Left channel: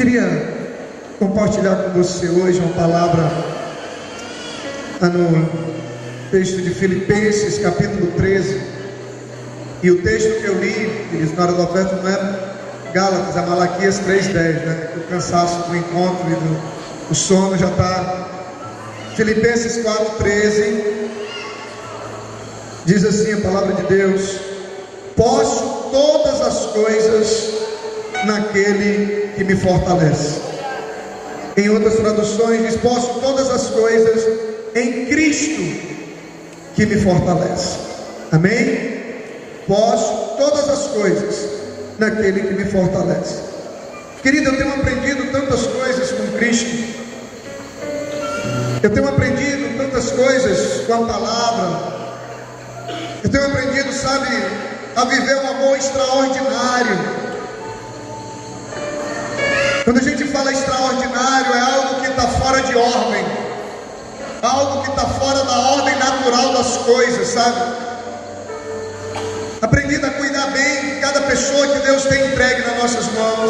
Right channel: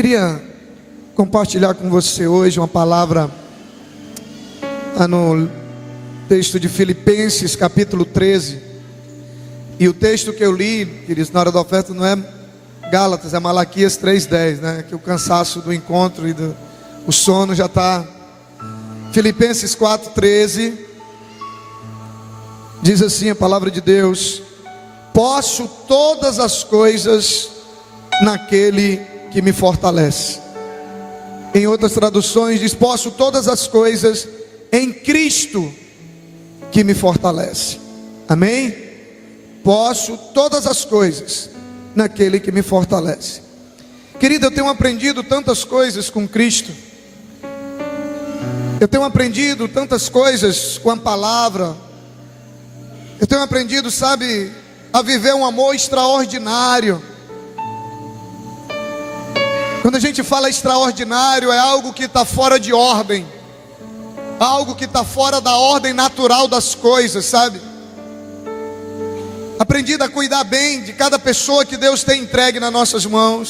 Queria compartilhar com você hoje uma palavra no texto de Filipenses, capítulo 13. E o texto que eu li, eles na hora da oferta, não é Gálatas, é Malaquias 3:10, né? Que o cansaço do encontro e o sono já está. Filipenses 4:13 diz assim a palavra de Deus: posso todas as coisas naquele que me fortalece. Em outras traduções diz: posso todas as coisas em Cristo que me fortalece. Amém? Posso todas as coisas naquele que me fortalece. Querido, eu tenho aprendido tantas coisas com Cristo. Eu tenho aprendido tantas coisas com a palavra. Eu tenho aprendido, sabe, a viver um amor extraordinário. Quando a gente fala extraordinário, é algo que está fora de ordem, algo que está fora da ordem natural das coisas, sabe? Aprendi a cuidar bem de cada pessoa que Deus tem entregue nas nossas mãos.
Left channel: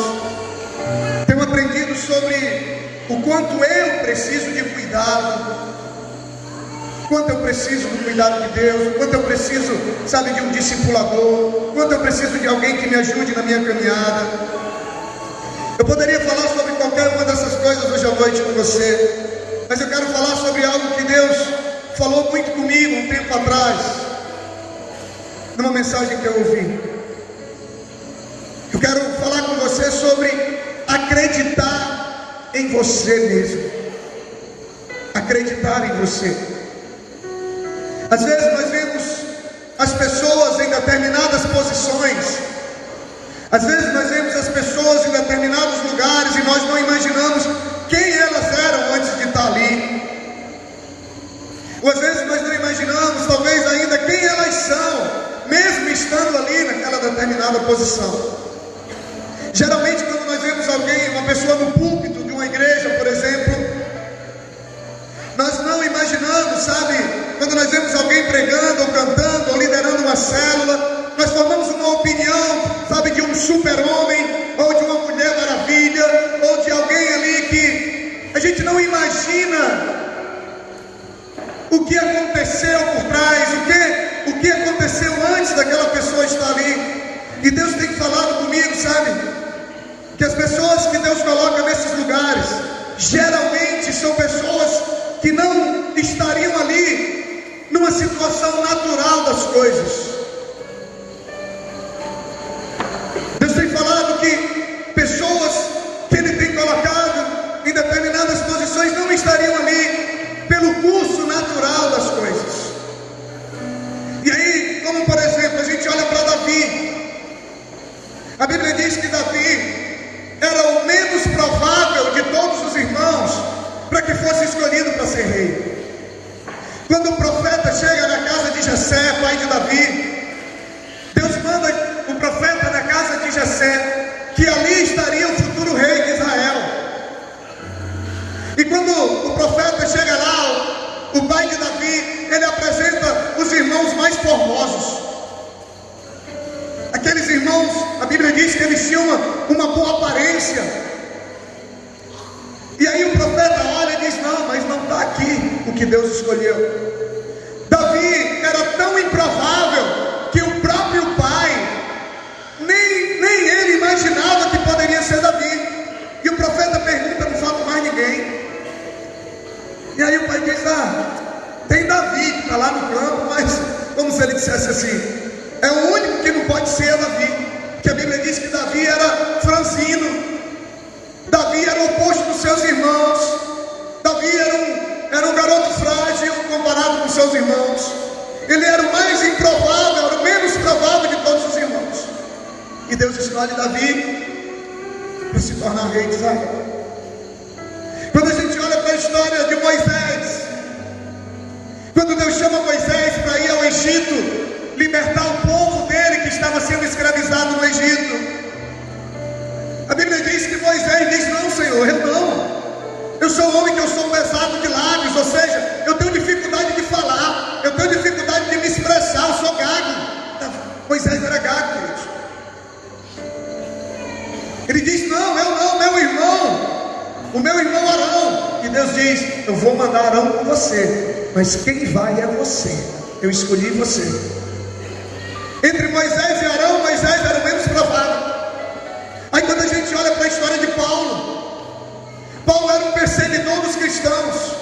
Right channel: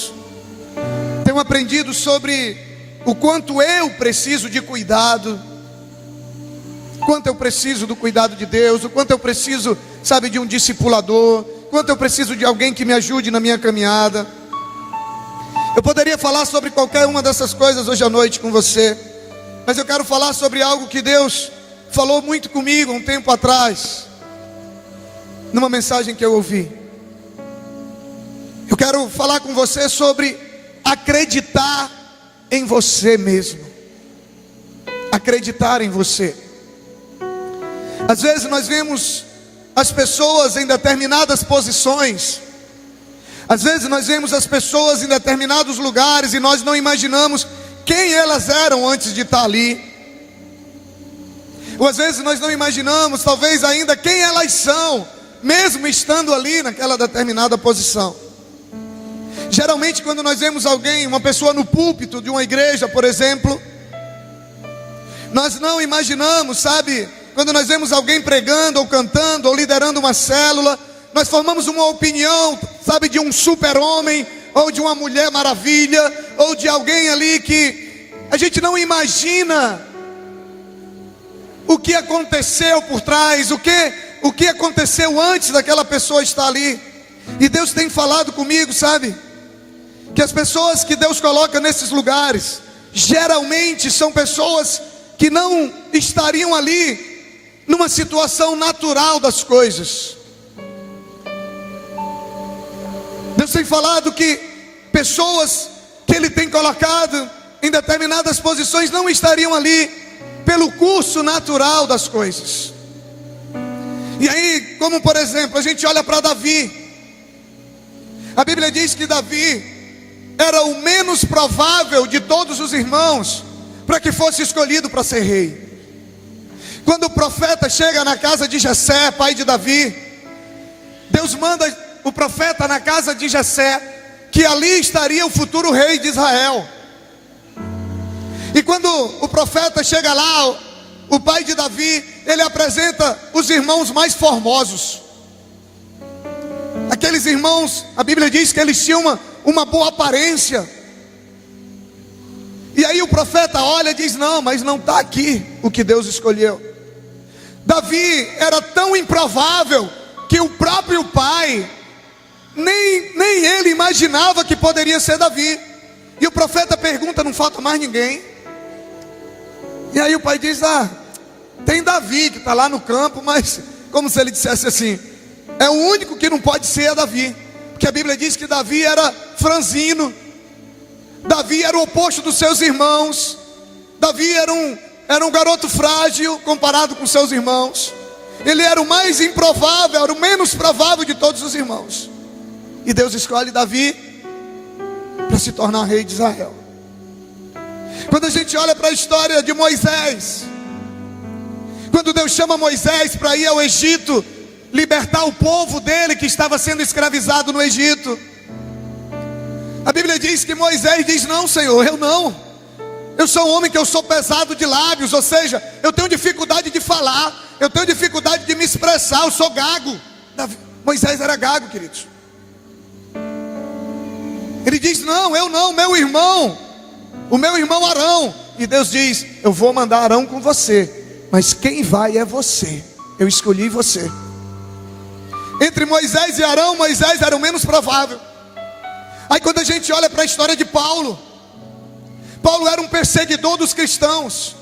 Tenho aprendido sobre o quanto eu preciso de cuidado, o quanto eu preciso do cuidado de Deus, o quanto eu preciso, sabe, de um discipulador, o quanto eu preciso de alguém que me ajude na minha caminhada. Eu poderia falar sobre qualquer uma dessas coisas hoje à noite com você, mas eu quero falar sobre algo que Deus falou muito comigo um tempo atrás, numa mensagem que eu ouvi. Eu quero falar com você sobre acreditar em você mesmo. Acreditar em você. Às vezes nós vemos as pessoas em determinadas posições, às vezes nós vemos as pessoas em determinados lugares e nós não imaginamos quem elas eram antes de estar ali. Ou às vezes nós não imaginamos, talvez ainda, quem elas são, mesmo estando ali naquela determinada posição. Geralmente quando nós vemos alguém, uma pessoa no púlpito de uma igreja, por exemplo, nós não imaginamos, sabe, quando nós vemos alguém pregando ou cantando ou liderando uma célula, nós formamos uma opinião, sabe, de um super-homem, ou de uma mulher maravilha, ou de alguém ali que a gente não imagina o que aconteceu por trás, o que aconteceu antes daquela pessoa estar ali. E Deus tem falado comigo, sabe, que as pessoas que Deus coloca nesses lugares, geralmente são pessoas que não estariam ali numa situação natural das coisas. Deus tem falado que pessoas que Ele tem colocado em determinadas posições não estariam ali pelo curso natural das coisas. E aí, como por exemplo, a gente olha para Davi. A Bíblia diz que Davi era o menos provável de todos os irmãos para que fosse escolhido para ser rei. Quando o profeta chega na casa de Jessé, pai de Davi, Deus manda o profeta na casa de Jessé, que ali estaria o futuro rei de Israel. E quando o profeta chega lá, o pai de Davi, ele apresenta os irmãos mais formosos. Aqueles irmãos, a Bíblia diz que eles tinham uma boa aparência. E aí o profeta olha e diz: não, mas não está aqui o que Deus escolheu. Davi era tão improvável que o próprio pai nem ele imaginava que poderia ser Davi. E o profeta pergunta: não falta mais ninguém? E aí o pai diz: tem Davi que está lá no campo, mas como se ele dissesse assim: é o único que não pode ser é Davi. Porque a Bíblia diz que Davi era franzino, Davi era o oposto dos seus irmãos, Davi era um garoto frágil comparado com seus irmãos. Ele era o mais improvável, era o menos provável de todos os irmãos. E Deus escolhe Davi para se tornar rei de Israel. Quando a gente olha para a história de Moisés, quando Deus chama Moisés para ir ao Egito, libertar o povo dele que estava sendo escravizado no Egito, a Bíblia diz que Moisés diz: não, Senhor, eu sou um homem que eu sou pesado de lábios, ou seja, eu tenho dificuldade de falar, eu tenho dificuldade de me expressar, eu sou gago. Moisés era gago, queridos. Ele diz: não, eu não, meu irmão Arão. E Deus diz: eu vou mandar Arão com você, mas quem vai é você. Eu escolhi você. Entre Moisés e Arão, Moisés era o menos provável. Aí quando a gente olha para a história de Paulo era um perseguidor dos cristãos.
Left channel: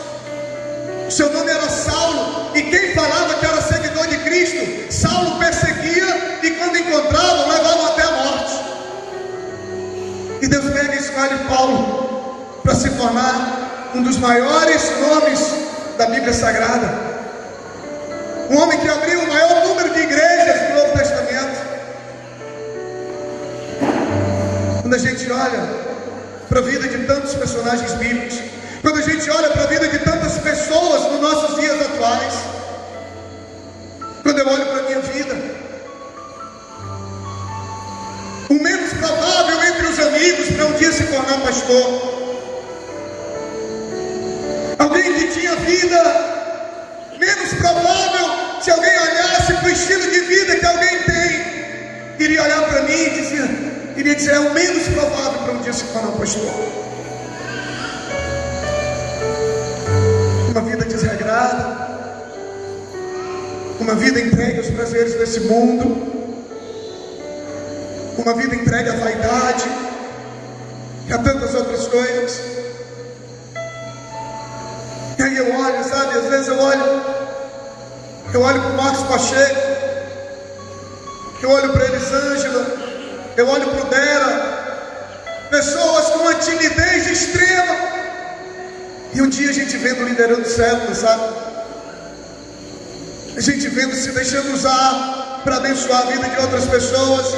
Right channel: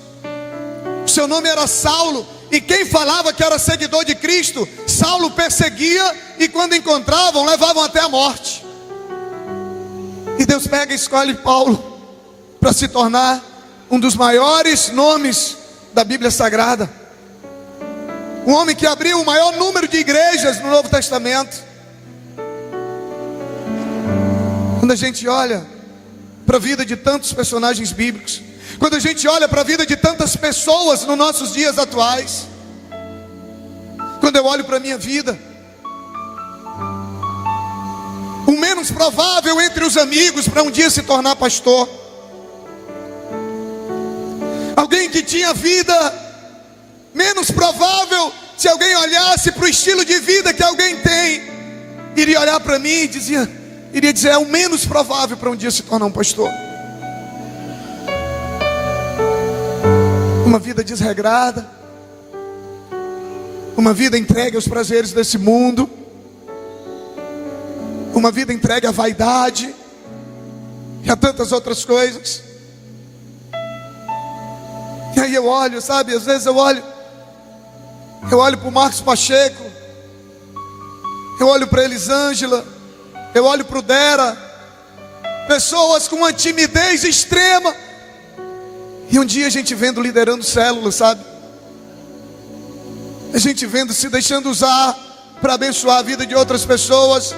O seu nome era Saulo, e quem falava que era seguidor de Cristo, Saulo perseguia, e quando encontravam, levavam até a morte. E Deus pega e escolhe Paulo para se tornar um dos maiores nomes da Bíblia Sagrada, um homem que abriu o maior número de igrejas no Novo Testamento. Quando a gente olha para a vida de tantos personagens bíblicos, quando a gente olha para a vida de tantas pessoas nos nossos dias atuais, quando eu olho para a minha vida, o menos provável entre os amigos para um dia se tornar pastor, alguém que tinha vida menos provável, se alguém olhasse para o estilo de vida que alguém tem, iria olhar para mim e iria dizer: é o menos provável para um dia se tornar um pastor. Uma vida desregrada, uma vida entregue aos prazeres desse mundo, uma vida entregue à vaidade e a tantas outras coisas. E aí eu olho, sabe, às vezes eu olho para o Marcos Pacheco, eu olho para Elisângela, eu olho para o Dera, pessoas com uma timidez extrema, e um dia a gente vendo liderando células, sabe, a gente vendo se deixando usar para abençoar a vida de outras pessoas,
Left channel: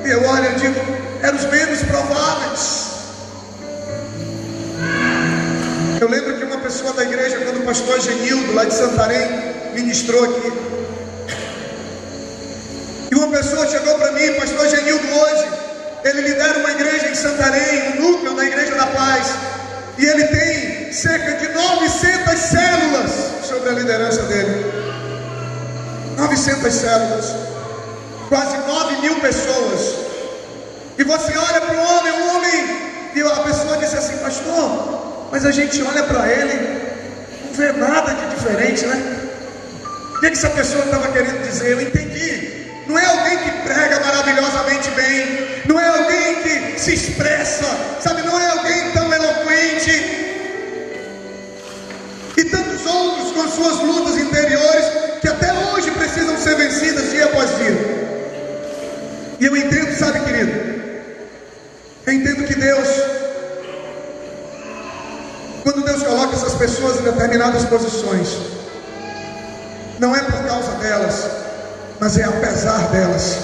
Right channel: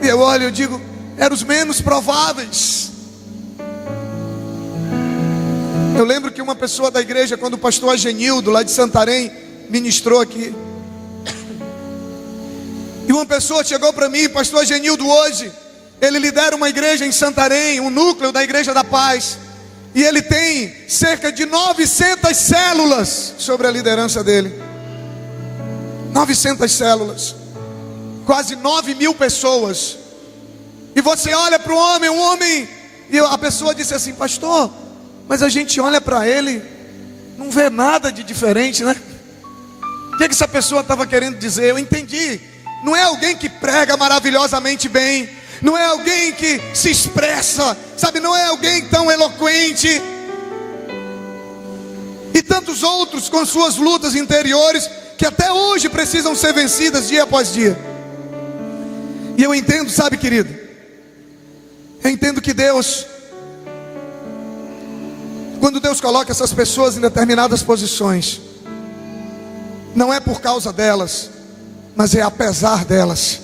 e eu olho e digo: eram os menos prováveis. Eu lembro que uma pessoa da igreja, quando o pastor Agenildo lá de Santarém ministrou aqui, e uma pessoa chegou para mim: pastor Agenildo, hoje ele lidera uma igreja em Santarém, um núcleo da Igreja da Paz, e ele tem cerca de 900 células sobre a liderança dele. 900 células, quase 9.000 pessoas. E você olha para um homem, e a pessoa disse assim: pastor, mas a gente olha para ele, não vê nada de diferente, né? O que essa pessoa estava querendo dizer? Eu entendi. Não é alguém que prega maravilhosamente bem, não é alguém que se expressa, sabe, não é alguém tão eloquente, e tantos outros com suas lutas interiores que até hoje precisam ser vencidas dia após dia. E eu entendo, sabe, querido, eu entendo que Deus, quando Deus coloca essas pessoas em determinadas posições, não é por causa delas, mas é apesar delas,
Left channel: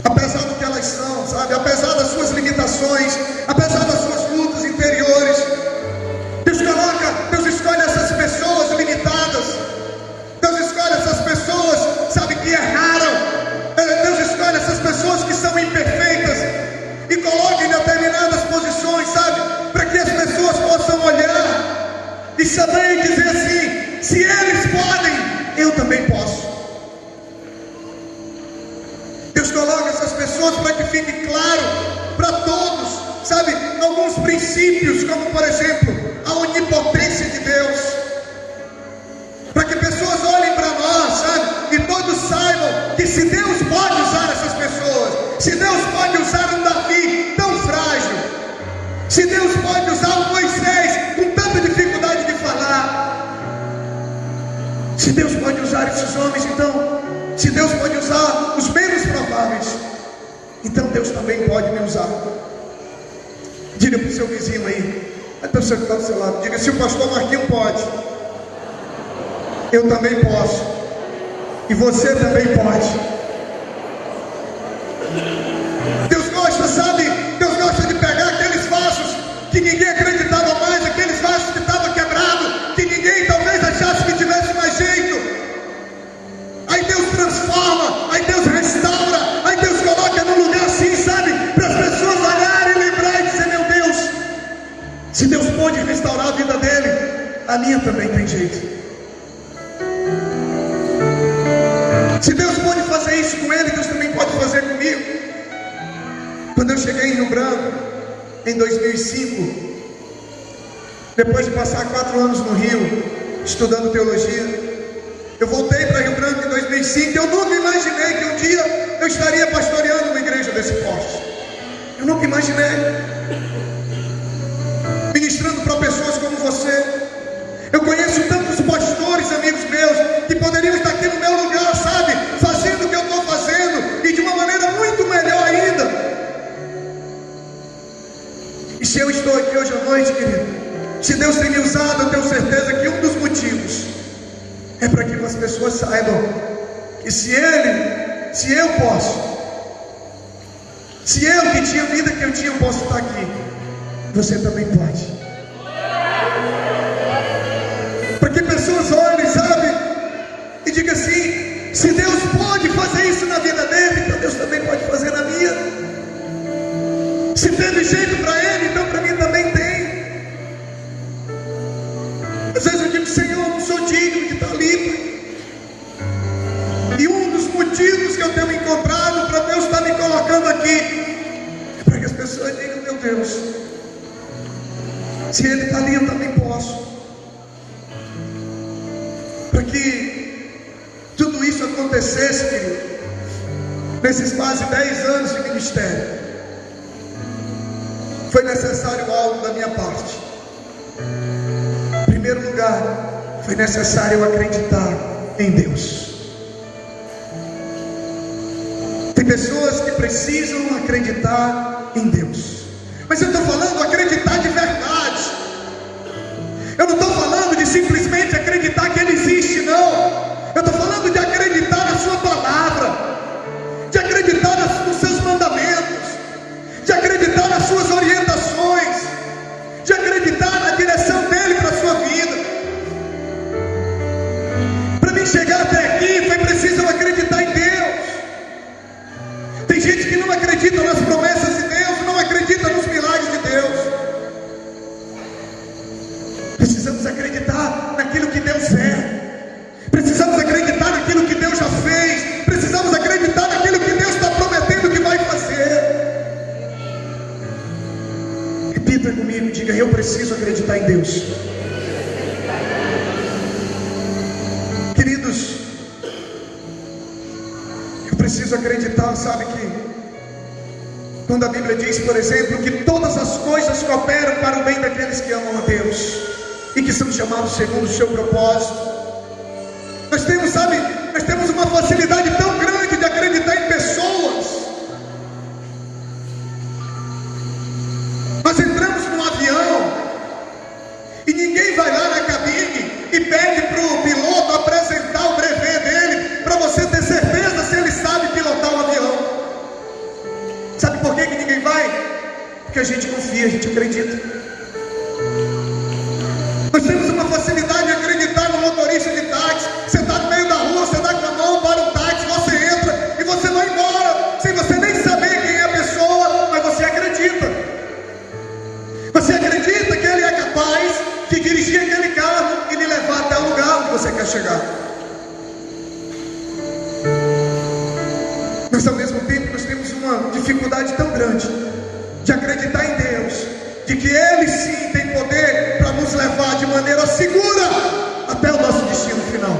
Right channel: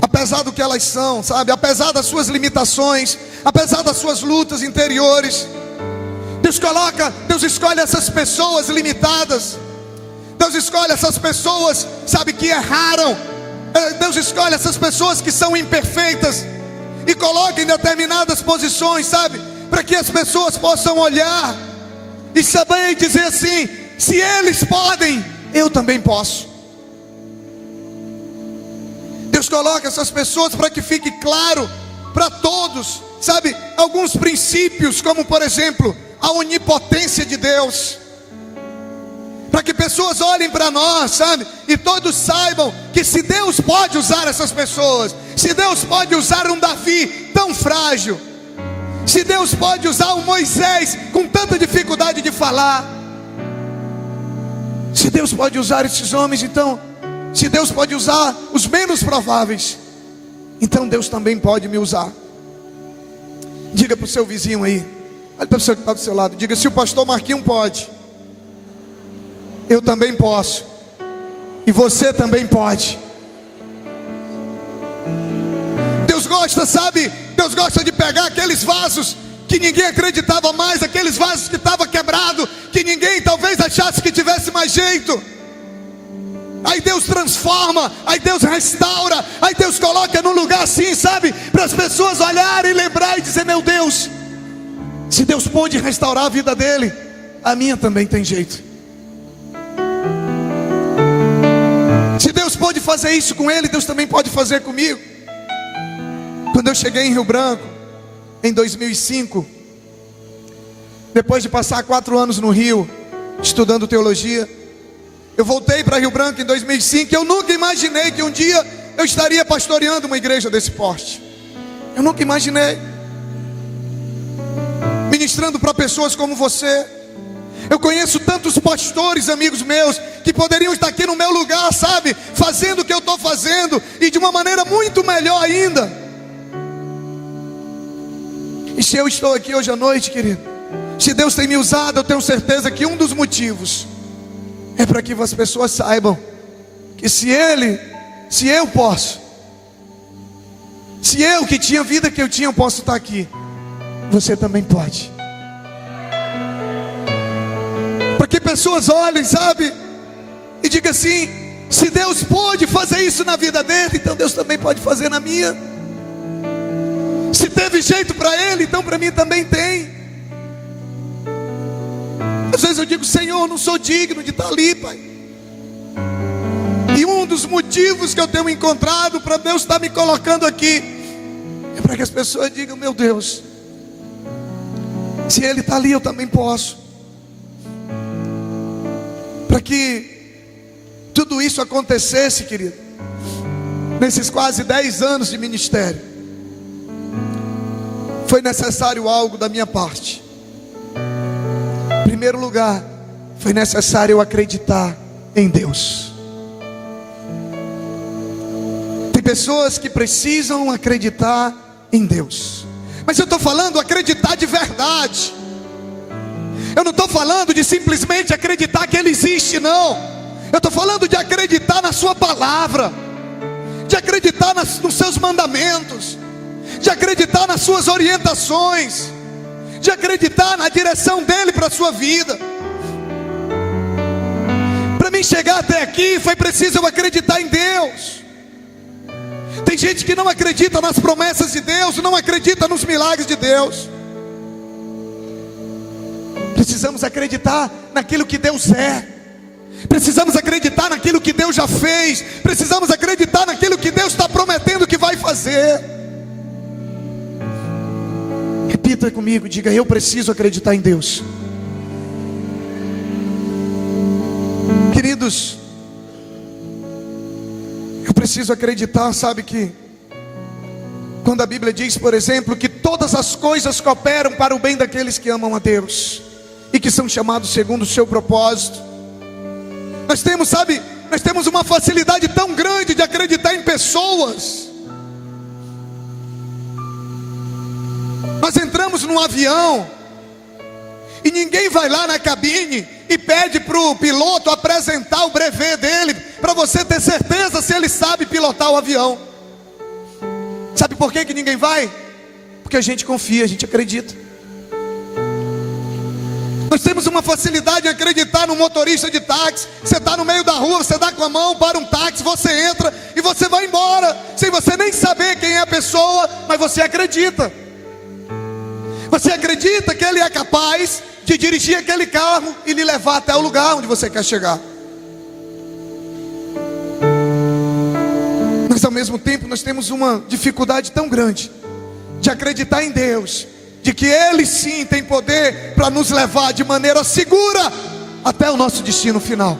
apesar do que elas são, sabe, apesar das suas limitações, apesar das suas lutas interiores. Deus escolhe essas pessoas limitadas, Deus escolhe essas pessoas, sabe, que erraram, Deus escolhe essas pessoas que são imperfeitas e coloca em determinadas posições, sabe, para que as pessoas possam olhar e saber dizer assim: se eles podem, eu também posso. Deus coloca essas pessoas para que fique claro para todos, sabe, alguns princípios, como por exemplo, a onipotência de Deus, para que pessoas olhem para nós, sabe, e todos saibam que se Deus pode usar essas pessoas, se Deus pode usar um Davi tão frágil, se Deus pode usar um Moisés com tanta dificuldade de falar, se Deus pode usar esses homens, então, se Deus pode usar os menos prováveis, então Deus também pode me usar. Diga para o seu vizinho aí, olha para o seu que está do seu lado, diga: se o pastor Marquinhos pode, eu também posso, e você também pode. Deus gosta, sabe, Deus gosta de pegar aqueles vasos que ninguém acreditava mais, aqueles vasos que estavam quebrados, que ninguém talvez achasse que tivesse mais jeito. Aí Deus transforma, aí Deus restaura, aí Deus coloca num lugar assim, sabe, para as pessoas olharem, lembrar e dizer: meu Deus, se Deus pode restaurar a vida dele, a minha também tem jeito. Se Deus pode fazer isso com ele, Deus também pode fazer comigo. Quando eu cheguei em Rio Branco, em 2005, depois de passar 4 anos no Rio, estudando teologia, eu voltei para Rio Branco em 2005. Eu nunca imaginei que um dia eu estaria pastoreando uma igreja desse porte. Eu nunca imaginei. Ministrando para pessoas como você. Eu conheço tantos pastores, amigos meus, que poderiam estar aqui no meu lugar, sabe? Fazendo o que eu estou fazendo, e de uma maneira muito melhor ainda. E se eu estou aqui hoje à noite, querido, se Deus tem me usado, eu tenho certeza que um dos motivos é para que as pessoas saibam que se eu posso, se eu que tinha a vida que eu tinha, eu posso estar aqui, você também pode. Para que pessoas olhem, sabe, e digam assim: se Deus pode fazer isso na vida dele, então Deus também pode fazer na minha. Se teve jeito para ele, então para mim também tem. Às vezes eu digo: Senhor, eu não sou digno de estar ali, Pai. E um dos motivos que eu tenho encontrado para Deus estar me colocando aqui é para que as pessoas digam: meu Deus, se Ele está ali, eu também posso. Para que tudo isso acontecesse, querido, nesses quase 10 anos de ministério, foi necessário algo da minha parte. Em primeiro lugar, foi necessário eu acreditar em Deus. Tem pessoas que precisam acreditar em Deus, mas eu estou falando acreditar de verdade. Eu não estou falando de simplesmente acreditar que Ele existe, não. Eu estou falando de acreditar na Sua palavra, de acreditar nos Seus mandamentos, de acreditar nas Suas orientações, de acreditar na direção dEle para a sua vida. Para mim chegar até aqui, foi preciso eu acreditar em Deus. Tem gente que não acredita nas promessas de Deus, não acredita nos milagres de Deus. Precisamos acreditar naquilo que Deus é. Precisamos acreditar naquilo que Deus já fez. Precisamos acreditar naquilo que Deus está prometendo que vai fazer. Repita comigo, diga: eu preciso acreditar em Deus. Queridos, eu preciso acreditar, sabe, que quando a Bíblia diz, por exemplo, que todas as coisas cooperam para o bem daqueles que amam a Deus e que são chamados segundo o seu propósito. Nós temos, sabe, nós temos uma facilidade tão grande de acreditar em pessoas. Nós entramos num avião e ninguém vai lá na cabine e pede para o piloto apresentar o brevet dele, para você ter certeza se ele sabe pilotar o avião. Sabe por que ninguém vai? Porque a gente confia, a gente acredita. Nós temos uma facilidade de acreditar no motorista de táxi. Você está no meio da rua, você dá com a mão para um táxi, você entra e você vai embora, sem você nem saber quem é a pessoa, mas você acredita. Você acredita que ele é capaz de dirigir aquele carro e lhe levar até o lugar onde você quer chegar. Mas ao mesmo tempo nós temos uma dificuldade tão grande de acreditar em Deus, de que Ele sim tem poder para nos levar de maneira segura até o nosso destino final.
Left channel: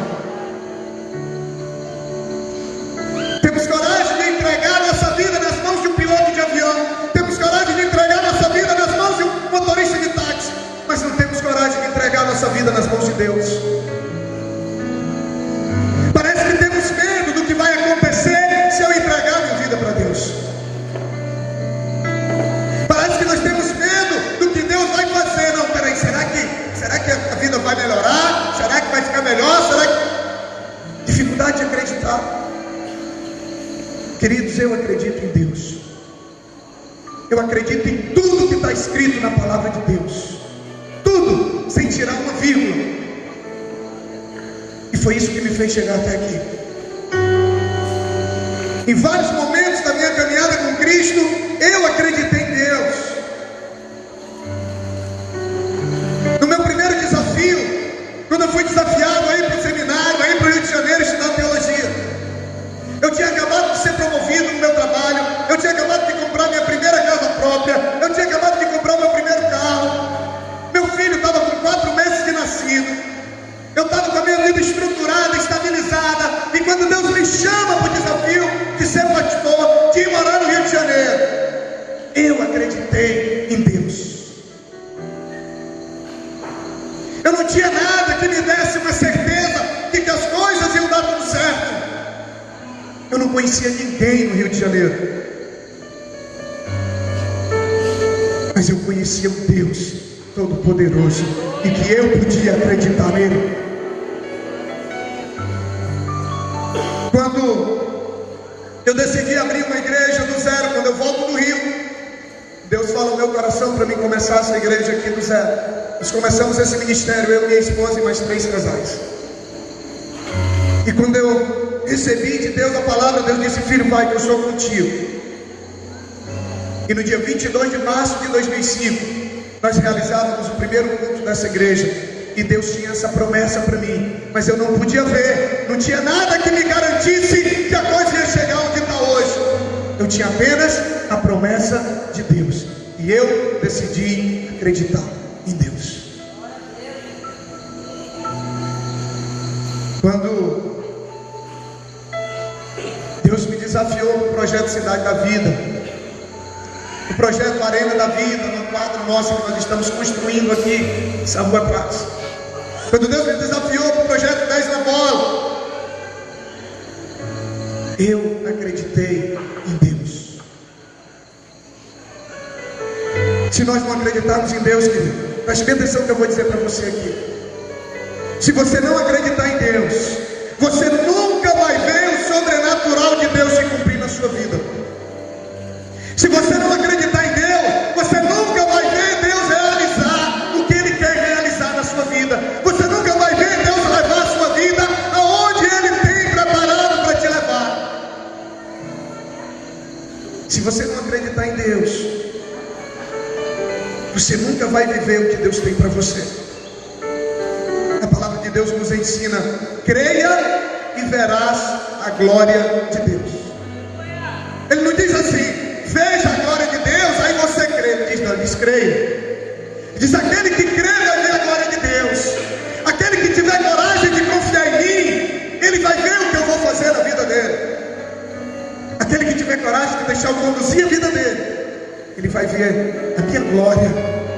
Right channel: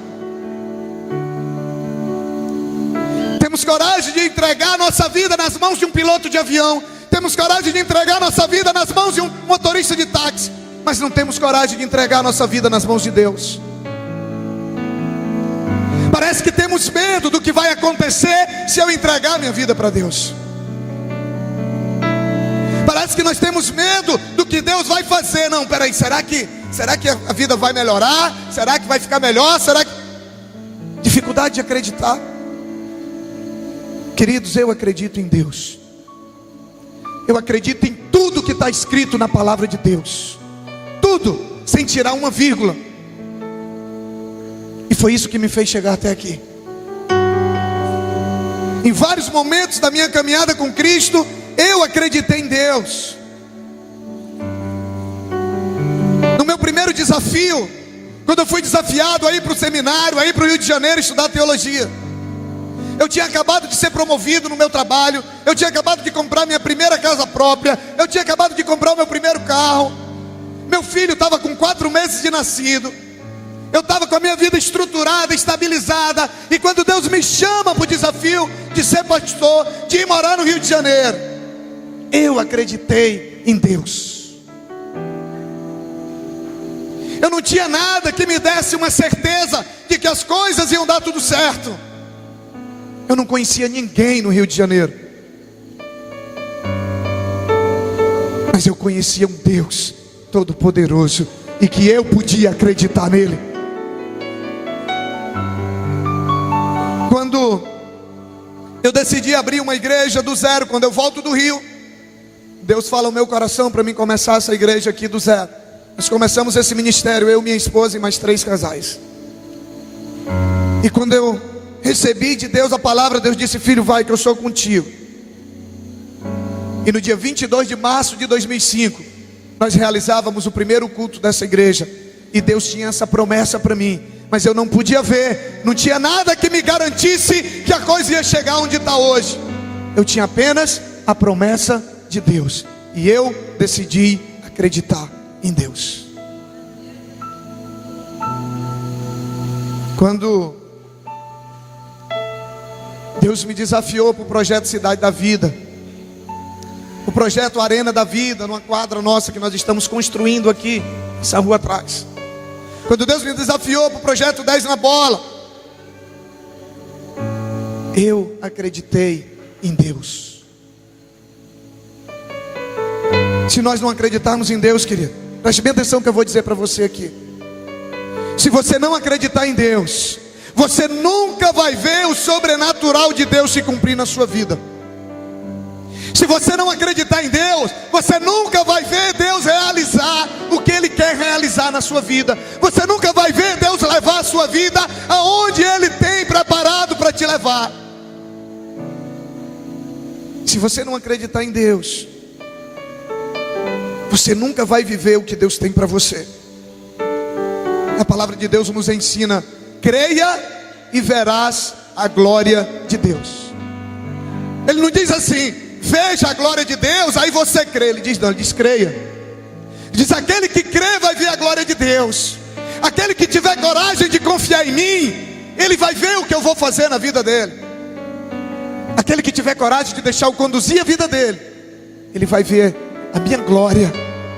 Temos coragem de entregar nossa vida nas mãos de um piloto de avião, temos coragem de entregar nossa vida nas mãos de um motorista de táxi, mas não temos coragem de entregar nossa vida nas mãos de Deus. Parece que temos medo do que vai acontecer se eu entregar minha vida para Deus. Parece que nós temos medo do que Deus vai fazer. Não, peraí, será que a vida vai melhorar? Será que vai ficar melhor? Será que... Dificuldade de acreditar. Queridos, eu acredito em Deus. Eu acredito em tudo que está escrito na palavra de Deus. Tudo, sem tirar uma vírgula. E foi isso que me fez chegar até aqui. Em vários momentos da minha caminhada com Cristo, eu acreditei em Deus. No meu primeiro desafio, quando eu fui desafiado a ir para o seminário, a ir para o Rio de Janeiro estudar teologia, Eu tinha acabado de ser promovido no meu trabalho. Eu tinha acabado de comprar minha primeira casa própria. Eu tinha acabado de comprar o meu primeiro carro. Meu filho estava com 4 meses de nascido. Eu estava com a minha vida estruturada, estabilizada. E quando Deus me chama para o desafio de ser pastor, de ir morar no Rio de Janeiro, eu acreditei em Deus. Eu não tinha nada que me desse uma certeza de que as coisas iam dar tudo certo. Eu não conhecia ninguém no Rio de Janeiro, mas eu conhecia um Deus Todo-Poderoso e que eu podia acreditar nele. Quando eu decidi abrir uma igreja do zero, quando eu volto do Rio, Deus fala no meu coração para mim começar essa igreja aqui do zero. Nós começamos esse ministério, eu, minha esposa e mais 3 casais. E quando eu recebi de Deus a palavra, Deus disse: filho, vai que eu sou contigo. E no dia 22 de março de 2005, nós realizávamos o primeiro culto dessa igreja. E Deus tinha essa promessa para mim, mas eu não podia ver, não tinha nada que me garantisse que a coisa ia chegar onde está hoje. Eu tinha apenas a promessa de Deus, e eu decidi acreditar em Deus. Quando Deus me desafiou para o projeto Cidade da Vida, o projeto Arena da Vida, numa quadra nossa que nós estamos construindo aqui, essa rua atrás. Quando Deus me desafiou para o projeto 10 na bola, eu acreditei em Deus. Se nós não acreditarmos em Deus, querido, preste bem atenção que eu vou dizer para você aqui. Se você não acreditar em Deus, você nunca vai ver o sobrenatural de Deus se cumprir na sua vida. Se você não acreditar em Deus, você nunca vai ver Deus realizar o que Ele quer realizar na sua vida. Você nunca vai ver Deus levar a sua vida aonde Ele tem preparado para te levar. Se você não acreditar em Deus, você nunca vai viver o que Deus tem para você. A palavra de Deus nos ensina: creia e verás a glória de Deus. Ele não diz assim: veja a glória de Deus, aí você crê. Ele diz: não, ele diz creia. Diz: aquele que crê vai ver a glória de Deus. Aquele que tiver coragem de confiar em mim, ele vai ver o que eu vou fazer na vida dele. Aquele que tiver coragem de deixar eu conduzir a vida dele, ele vai ver a minha glória,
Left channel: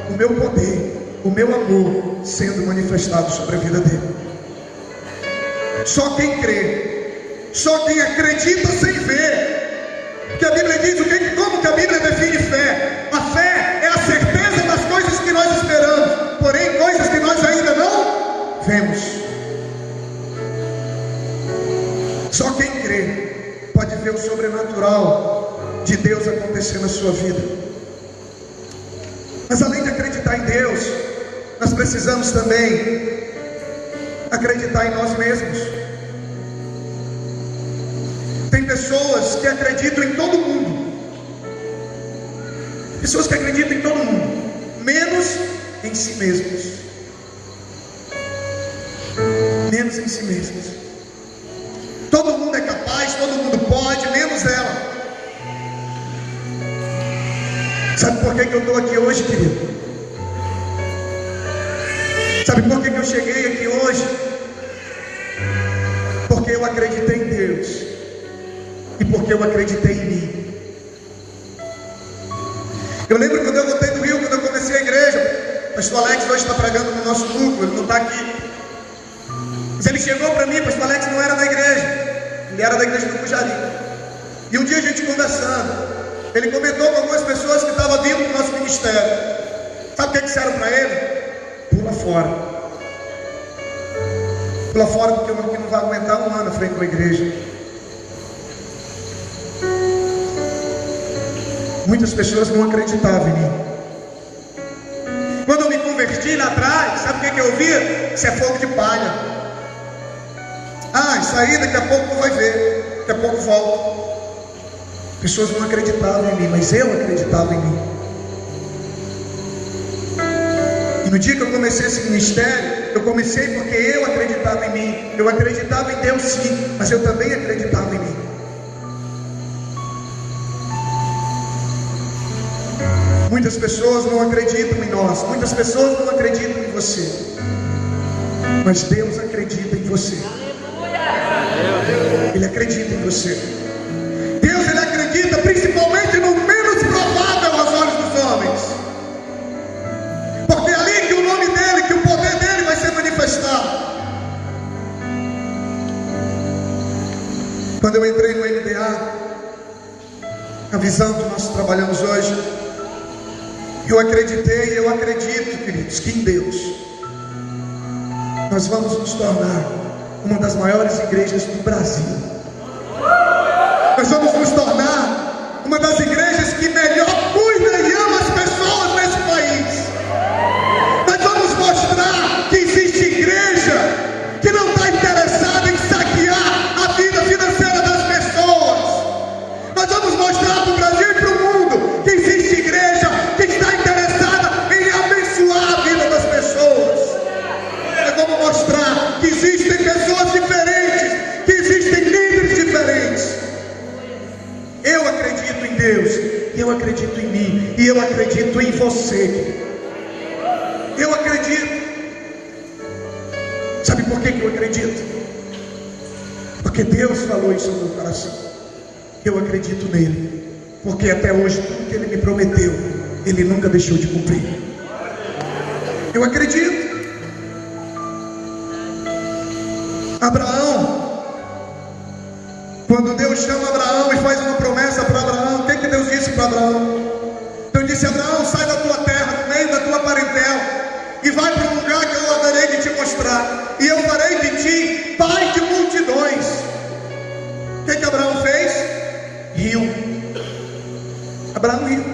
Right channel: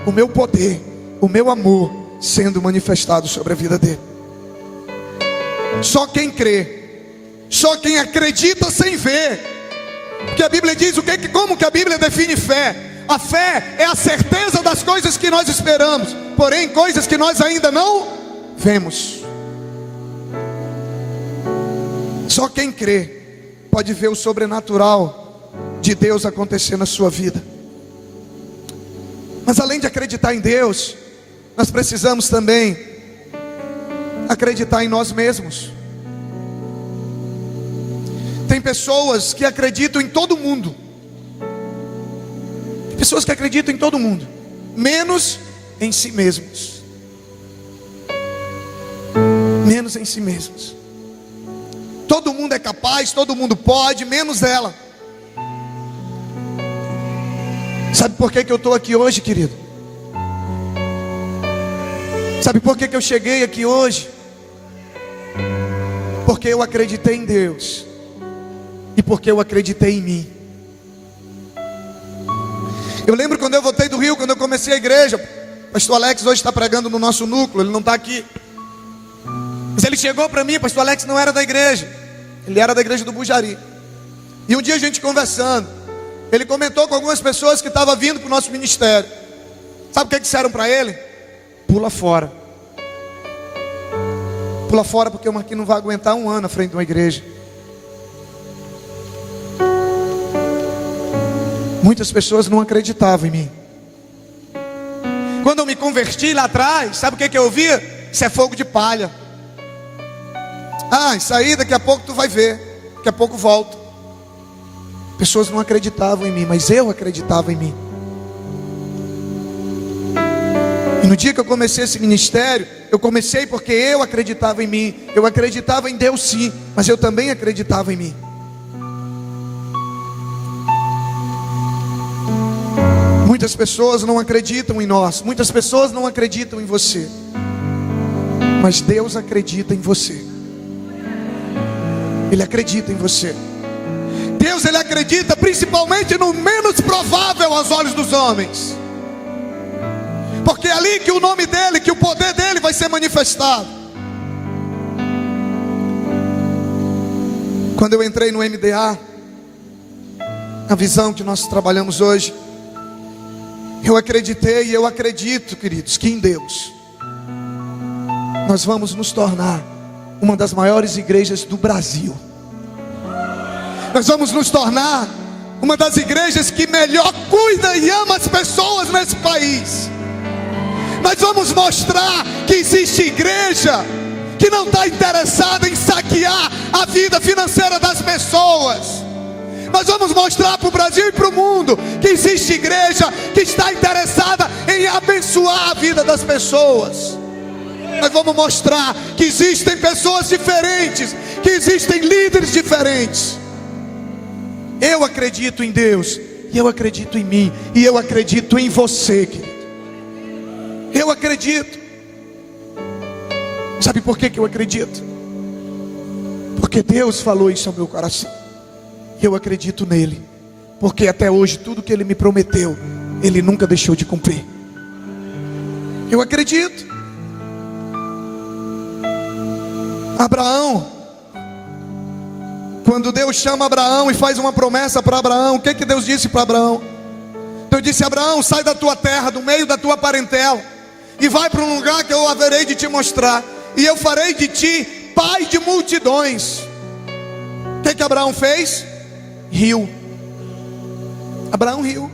o meu poder, o meu amor sendo manifestado sobre a vida dele. Só quem crê, só quem acredita sem ver. Porque a Bíblia diz como que a Bíblia define fé? A fé é a certeza das coisas que nós esperamos, porém coisas que nós ainda não vemos. Só quem crê pode ver o sobrenatural de Deus acontecer na sua vida. Mas além de acreditar em Deus, nós precisamos também acreditar em nós mesmos. Tem pessoas que acreditam em todo mundo. Pessoas que acreditam em todo mundo, menos em si mesmos. Menos em si mesmos. Todo mundo é capaz, todo mundo pode, menos ela. Sabe por que eu estou aqui hoje, querido? Sabe por que eu cheguei aqui hoje? Porque eu acreditei em Deus. E porque eu acreditei em mim. Eu lembro quando eu voltei do Rio, quando eu comecei a igreja. Pastor Alex hoje está pregando no nosso núcleo, ele não está aqui. Mas ele chegou para mim, Pastor Alex não era da igreja, ele era da igreja do Pujari. E um dia a gente conversando, ele comentou com algumas pessoas que estavam vindo para o nosso ministério. Sabe o que disseram para ele? Pula fora. Pula fora, porque aqui não vai aguentar um ano à frente de uma igreja. Muitas pessoas não acreditavam em mim. Quando eu me converti lá atrás, sabe o que eu ouvia? Isso é fogo de palha. Ah, isso aí daqui a pouco tu vai ver, daqui a pouco volta. Pessoas não acreditavam em mim, mas eu acreditava em mim. E no dia que eu comecei esse ministério, eu comecei porque eu acreditava em mim. Eu acreditava em Deus sim, mas eu também acreditava em mim. Muitas pessoas não acreditam em nós, muitas pessoas não acreditam em você, mas Deus acredita em você. Ele acredita em você. Deus, Ele acredita principalmente no menos provável aos olhos dos homens, porque é ali que o nome dEle, que o poder dEle vai ser manifestado. Quando eu entrei no MDA, a visão que nós trabalhamos hoje, eu acreditei e eu acredito, queridos, que em Deus nós vamos nos tornar uma das maiores igrejas do Brasil. Nós vamos nos tornar uma das igrejas que melhor cuida e ama as pessoas nesse país. Nós vamos mostrar que existe igreja que não está interessada em saquear a vida financeira das pessoas. Nós vamos mostrar para o Brasil e para o mundo que existe igreja que está interessada em abençoar a vida das pessoas. Nós vamos mostrar que existem pessoas diferentes, que existem líderes diferentes. Eu acredito em Deus, e eu acredito em mim, e eu acredito em você, querido. Eu acredito. Sabe por que eu acredito? Porque Deus falou isso ao meu coração. Eu acredito nele, porque até hoje tudo que Ele me prometeu, Ele nunca deixou de cumprir. Eu acredito. Abraão, quando Deus chama Abraão e faz uma promessa para Abraão, o que Deus disse para Abraão? Deus disse: Abraão, sai da tua terra, do meio da tua parentela, e vai para um lugar que eu haverei de te mostrar, e eu farei de ti pai de multidões. O que Abraão fez? Riu. Abraão riu.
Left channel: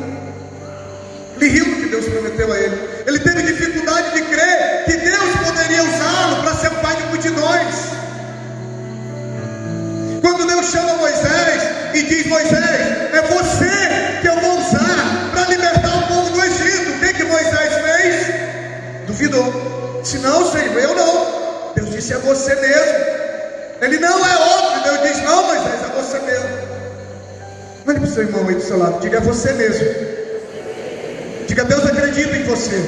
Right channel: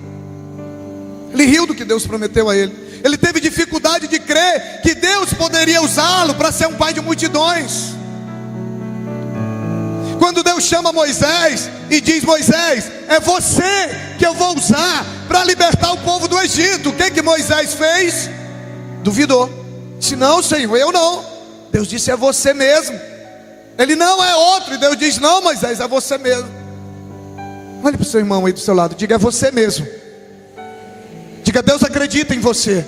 Ele riu do que Deus prometeu a ele. Ele teve dificuldade de crer que Deus poderia usá-lo para ser pai de multidões. Quando Deus chama Moisés e diz: Moisés, é você que eu vou usar para libertar o povo do Egito, o que Moisés fez? Duvidou. Disse: não, Senhor, eu não. Deus disse: é você mesmo. Ele: não, é outro. E Deus diz: não, Moisés, é você mesmo. Olhe para o seu irmão aí do seu lado, diga: é você mesmo. Diga: Deus acredita em você.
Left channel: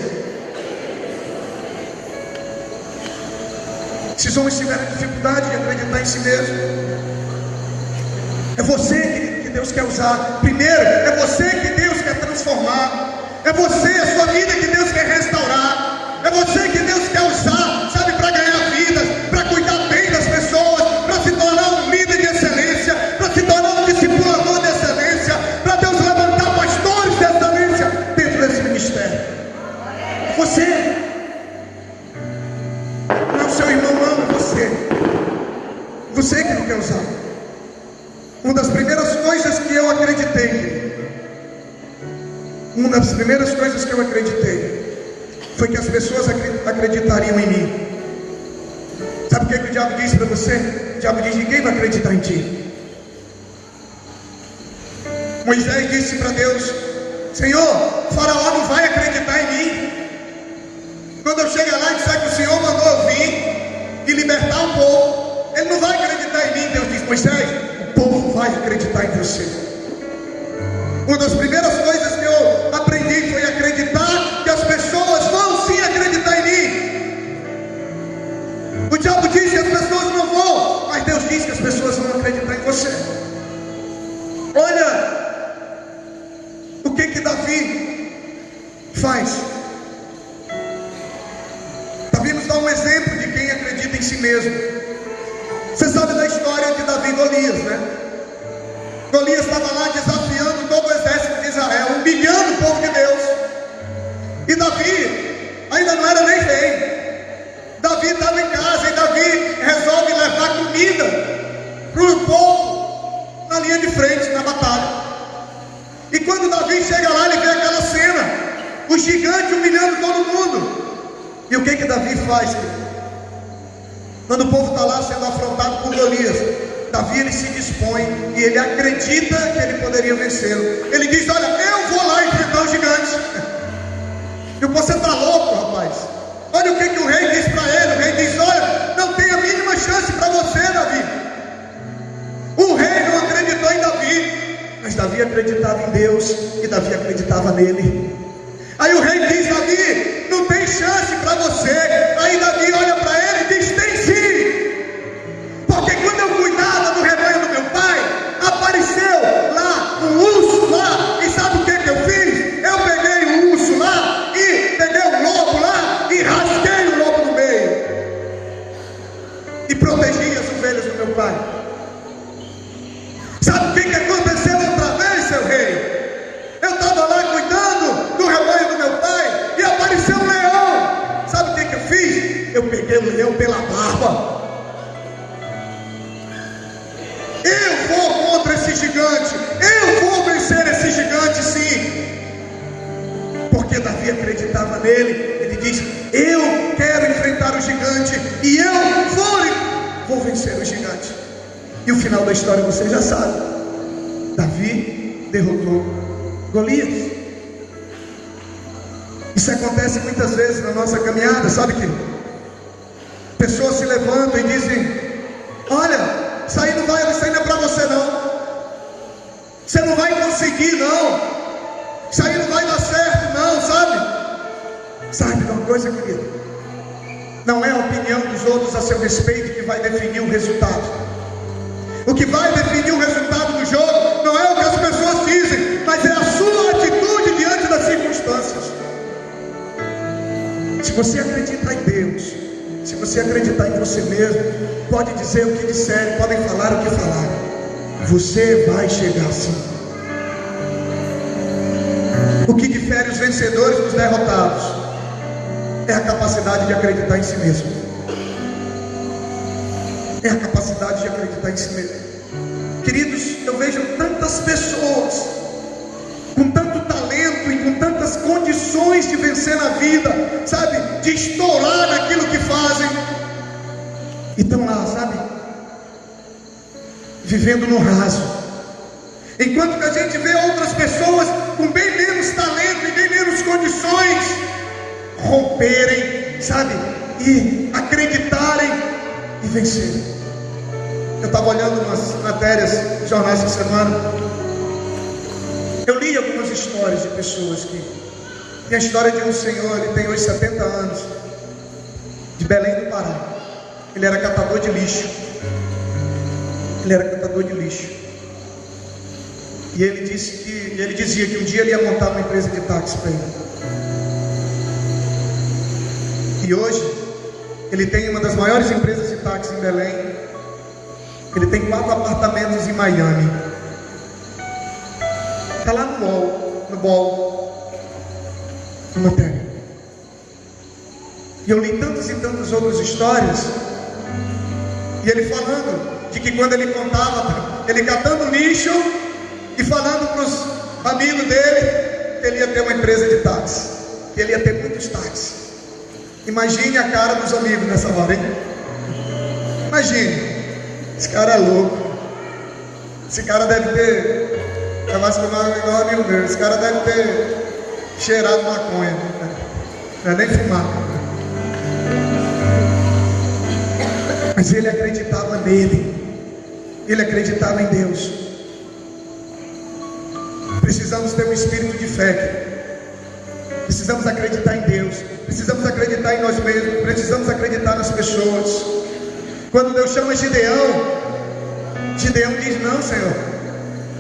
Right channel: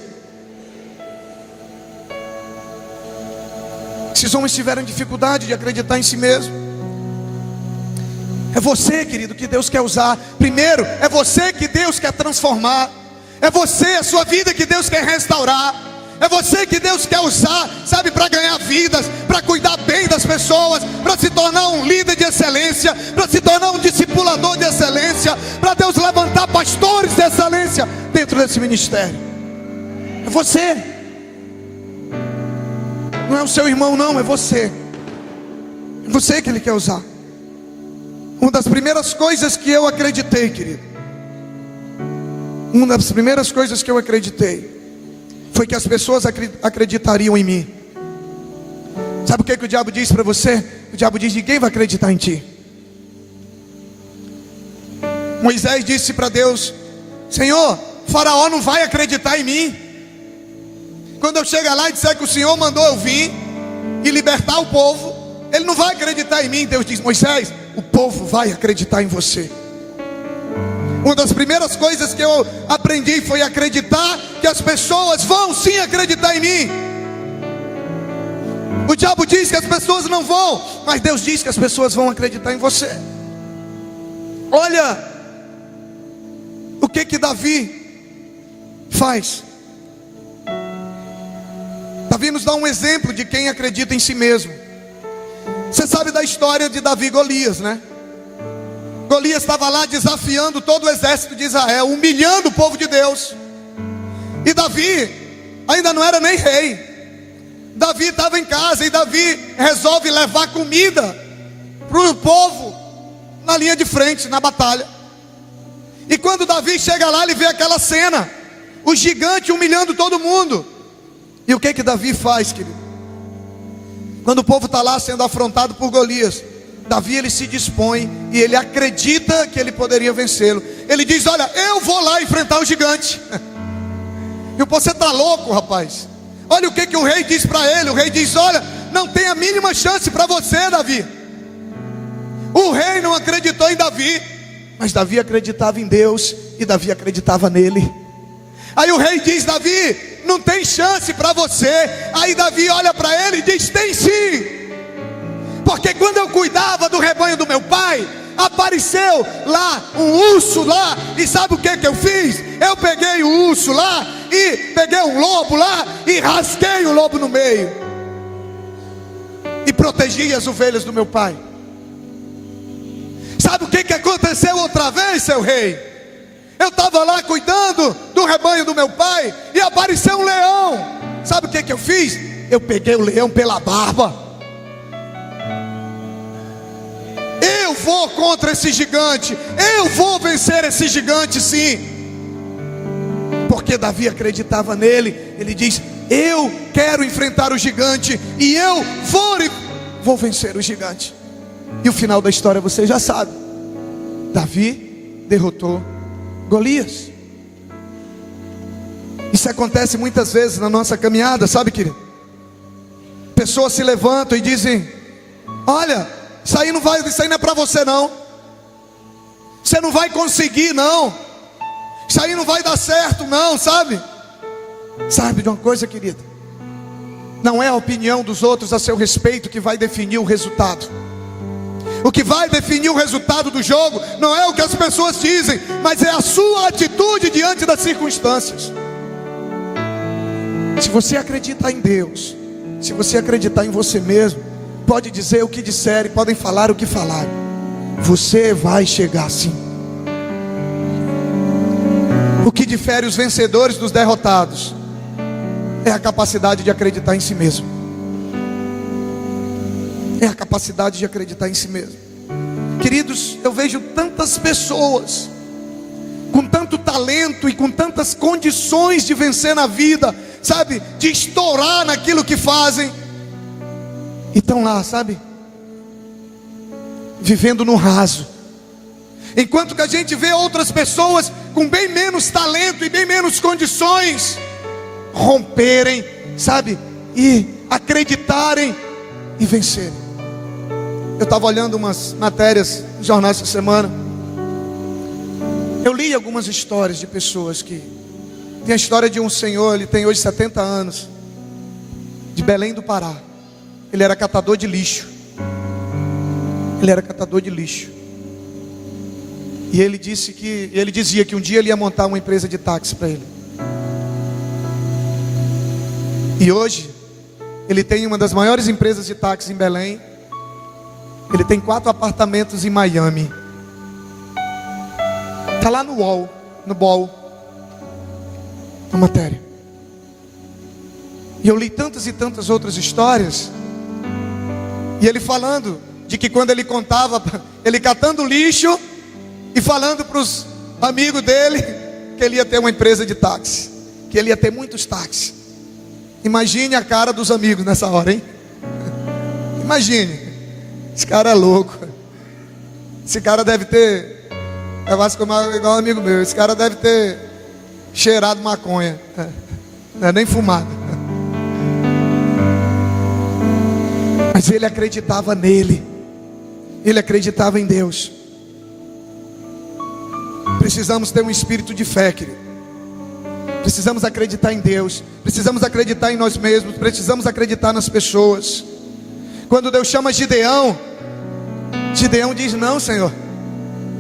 Esses homens tiveram dificuldade de acreditar em si mesmo. É você, querido, que Deus quer usar. Primeiro, é você que Deus quer transformar. É você, a sua vida que Deus quer restaurar. É você que Deus quer usar, sabe, para ganhar vidas, para cuidar bem das pessoas, para se tornar um líder de excelência, para se tornar um discipulador de excelência, para Deus levantar pastores de excelência dentro desse ministério. É você. Não é o seu irmão, não, é você. É você que Ele quer usar. Uma das primeiras coisas que eu acreditei, querido, uma das primeiras coisas que eu acreditei foi que as pessoas acreditariam em mim. Sabe o que o diabo diz para você? O diabo diz: ninguém vai acreditar em ti. Moisés disse para Deus: Senhor, Faraó não vai acreditar em mim. Quando eu chegar lá e disser que o Senhor mandou eu vir e libertar o povo, ele não vai acreditar em mim. Deus diz: Moisés, o povo vai acreditar em você. Uma das primeiras coisas que eu aprendi foi acreditar que as pessoas vão sim acreditar em mim. O diabo diz que as pessoas não vão, mas Deus diz que as pessoas vão acreditar em você. Olha o que Davi faz. Davi nos dá um exemplo de quem acredita em si mesmo. Você sabe da história de Davi e Golias, né? Golias estava lá desafiando todo o exército de Israel, humilhando o povo de Deus. E Davi ainda não era nem rei. Davi estava em casa e Davi resolve levar comida para o povo na linha de frente, na batalha. E quando Davi chega lá, ele vê aquela cena, o gigante humilhando todo mundo. E o que Davi faz, querido? Quando o povo está lá sendo afrontado por Golias, Davi, ele se dispõe e ele acredita que ele poderia vencê-lo. Ele diz: olha, eu vou lá enfrentar o gigante. E você está louco, rapaz? Olha o que o rei diz para ele. O rei diz: olha, não tem a mínima chance para você, Davi. O rei não acreditou em Davi, mas Davi acreditava em Deus e Davi acreditava nele. Aí o rei diz: Davi, não tem chance para você. Aí Davi olha para ele e diz: tem sim, porque quando eu cuidava do rebanho do meu pai, apareceu lá um urso lá, e sabe o que eu fiz? Eu peguei o urso lá, e peguei o lobo lá, e rasguei o lobo no meio, e protegi as ovelhas do meu pai. Sabe o que aconteceu outra vez, seu rei? Eu estava lá cuidando do rebanho do meu pai, e apareceu um leão. Sabe o que eu fiz? Eu peguei o leão pela barba. Eu vou contra esse gigante, eu vou vencer esse gigante, sim. Porque Davi acreditava nele. Ele diz: eu quero enfrentar o gigante, e eu vou vencer o gigante. E o final da história você já sabe. Davi derrotou Golias. Isso acontece muitas vezes na nossa caminhada, sabe que pessoas se levantam e dizem: olha, isso aí não é para você não. Você não vai conseguir não. Isso aí não vai dar certo não, sabe? Sabe de uma coisa, querido? Não é a opinião dos outros a seu respeito que vai definir o resultado. O que vai definir o resultado do jogo não é o que as pessoas dizem, mas é a sua atitude diante das circunstâncias. Se você acreditar em Deus, se você acreditar em você mesmo, pode dizer o que disserem, podem falar o que falar, você vai chegar sim. O que difere os vencedores dos derrotados é a capacidade de acreditar em si mesmo. É a capacidade de acreditar em si mesmo. Queridos, eu vejo tantas pessoas com tanto talento e com tantas condições de vencer na vida, sabe, de estourar naquilo que fazem, e estão lá, sabe, vivendo no raso. Enquanto que a gente vê outras pessoas com bem menos talento e bem menos condições romperem, sabe, e acreditarem e vencerem. Eu estava olhando umas matérias, jornais de semana. Eu li algumas histórias de pessoas que... Tem a história de um senhor, ele tem hoje 70 anos, de Belém do Pará. Ele era catador de lixo. E ele dizia que um dia ele ia montar uma empresa de táxi para ele. E hoje ele tem uma das maiores empresas de táxi em Belém. Ele tem 4 apartamentos em Miami. Está lá no BOL, na matéria. E eu li tantas e tantas outras histórias. E ele falando de que quando ele contava, ele catando lixo e falando para os amigos dele que ele ia ter uma empresa de táxi, que ele ia ter muitos táxis. Imagine a cara dos amigos nessa hora, hein? Imagine. Esse cara é louco. Esse cara deve ter... vai se tomar igual um amigo meu. Esse cara deve ter cheirado maconha. Não é nem fumado. Mas ele acreditava nele. Ele acreditava em Deus. Precisamos ter um espírito de fé, querido. Precisamos acreditar em Deus. Precisamos acreditar em nós mesmos. Precisamos acreditar nas pessoas. Quando Deus chama Gideão, Gideão diz: não, Senhor,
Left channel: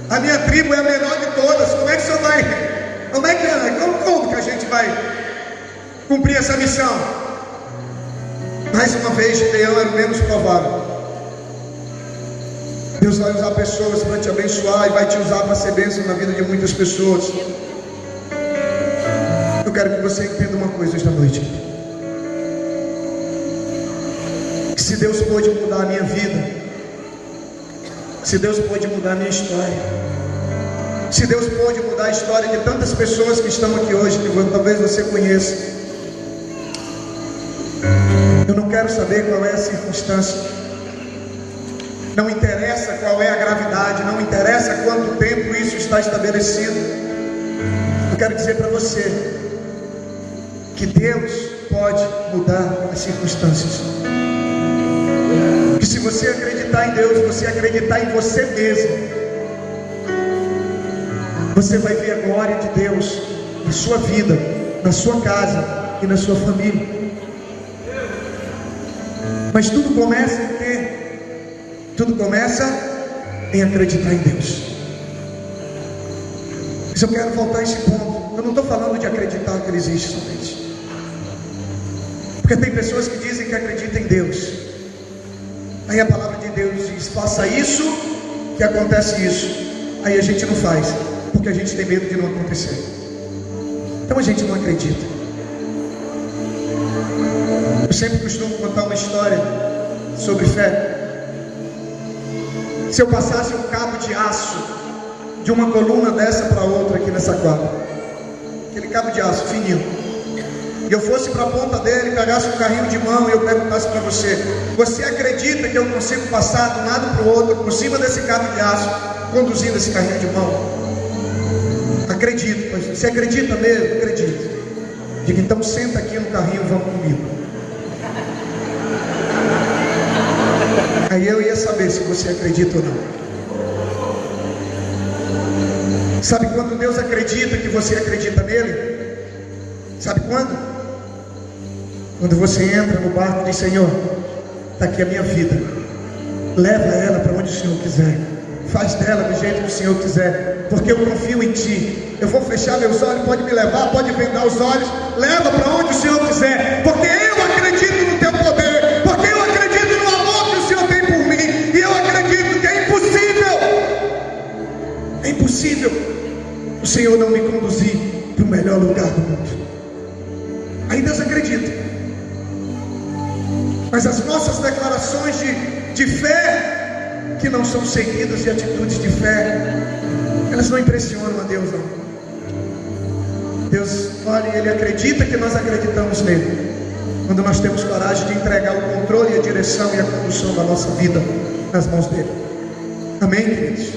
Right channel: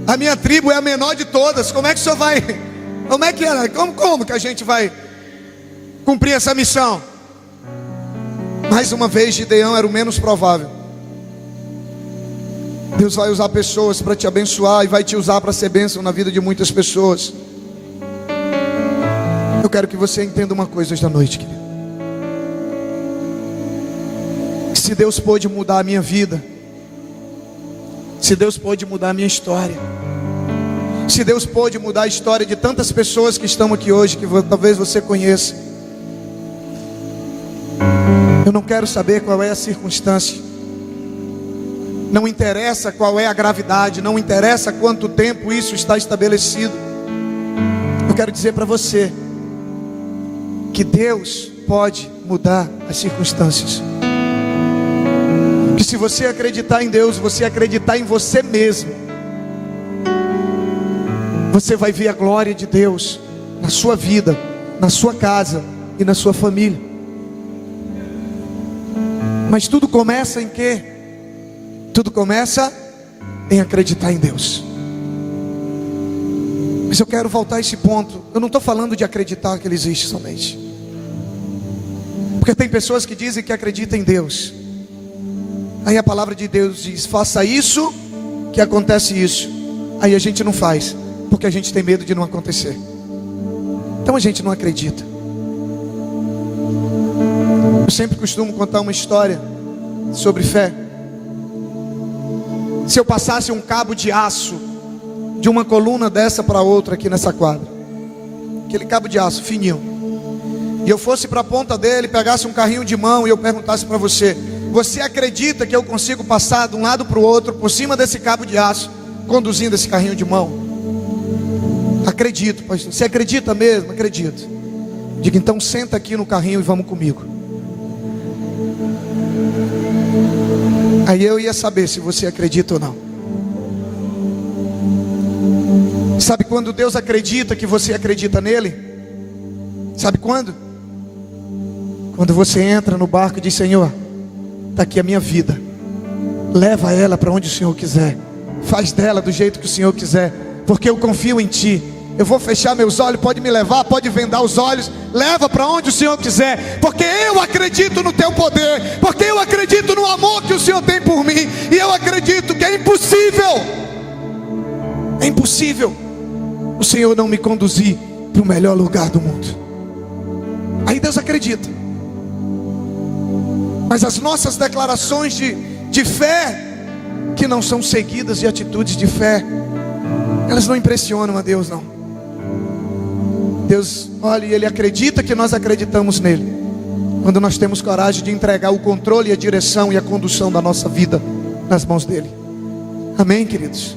a minha tribo é a menor de todas. Como é que o Senhor vai? Como que a gente vai cumprir essa missão? Mais uma vez, Gideão era o menos provável. Deus vai usar pessoas para te abençoar, e vai te usar para ser bênção na vida de muitas pessoas. Eu quero que você entenda uma coisa esta noite. Se Deus pôde mudar a minha vida, se Deus pôde mudar a minha história, se Deus pôde mudar a história de tantas pessoas que estão aqui hoje, que talvez você conheça, eu não quero saber qual é a circunstância, não interessa qual é a gravidade, não interessa quanto tempo isso está estabelecido. Eu quero dizer para você que Deus pode mudar as circunstâncias. Que se você acreditar em Deus, você acreditar em você mesmo, você vai ver a glória de Deus na sua vida, na sua casa e na sua família. Mas tudo começa em quê? Tudo começa em acreditar em Deus. Mas eu quero voltar a esse ponto. Eu não estou falando de acreditar que Ele existe somente, porque tem pessoas que dizem que acreditam em Deus. Aí a palavra de Deus diz: faça isso, que acontece isso. Aí a gente não faz, porque a gente tem medo de não acontecer. Então a gente não acredita. Eu sempre costumo contar uma história sobre fé. Se eu passasse um cabo de aço de uma coluna dessa para outra aqui nessa quadra, aquele cabo de aço fininho, e eu fosse para a ponta dele, pegasse um carrinho de mão e eu perguntasse para você: você acredita que eu consigo passar de um lado para o outro por cima desse cabo de aço, conduzindo esse carrinho de mão? Acredito. Pois você acredita mesmo? Acredito. Diga: então senta aqui no carrinho e vamos comigo. Aí eu ia saber se você acredita ou não. Sabe quando Deus acredita que você acredita nele? Sabe quando? Quando você entra no barco e diz: Senhor, está aqui a minha vida, leva ela para onde o Senhor quiser, faz dela do jeito que o Senhor quiser, porque eu confio em Ti. Eu vou fechar meus olhos, pode me levar, pode vendar os olhos, leva para onde o Senhor quiser, porque eu acredito no Teu poder, porque eu acredito no amor que o Senhor tem por mim, e eu acredito que é impossível o Senhor não me conduzir para o melhor lugar do mundo. Aí Deus acredita. Mas as nossas declarações de fé, que não são seguidas de atitudes de fé, elas não impressionam a Deus, não. Deus, olha, Ele acredita que nós acreditamos nele, quando nós temos coragem de entregar o controle, a direção e a condução da nossa vida nas mãos dele. Amém, queridos?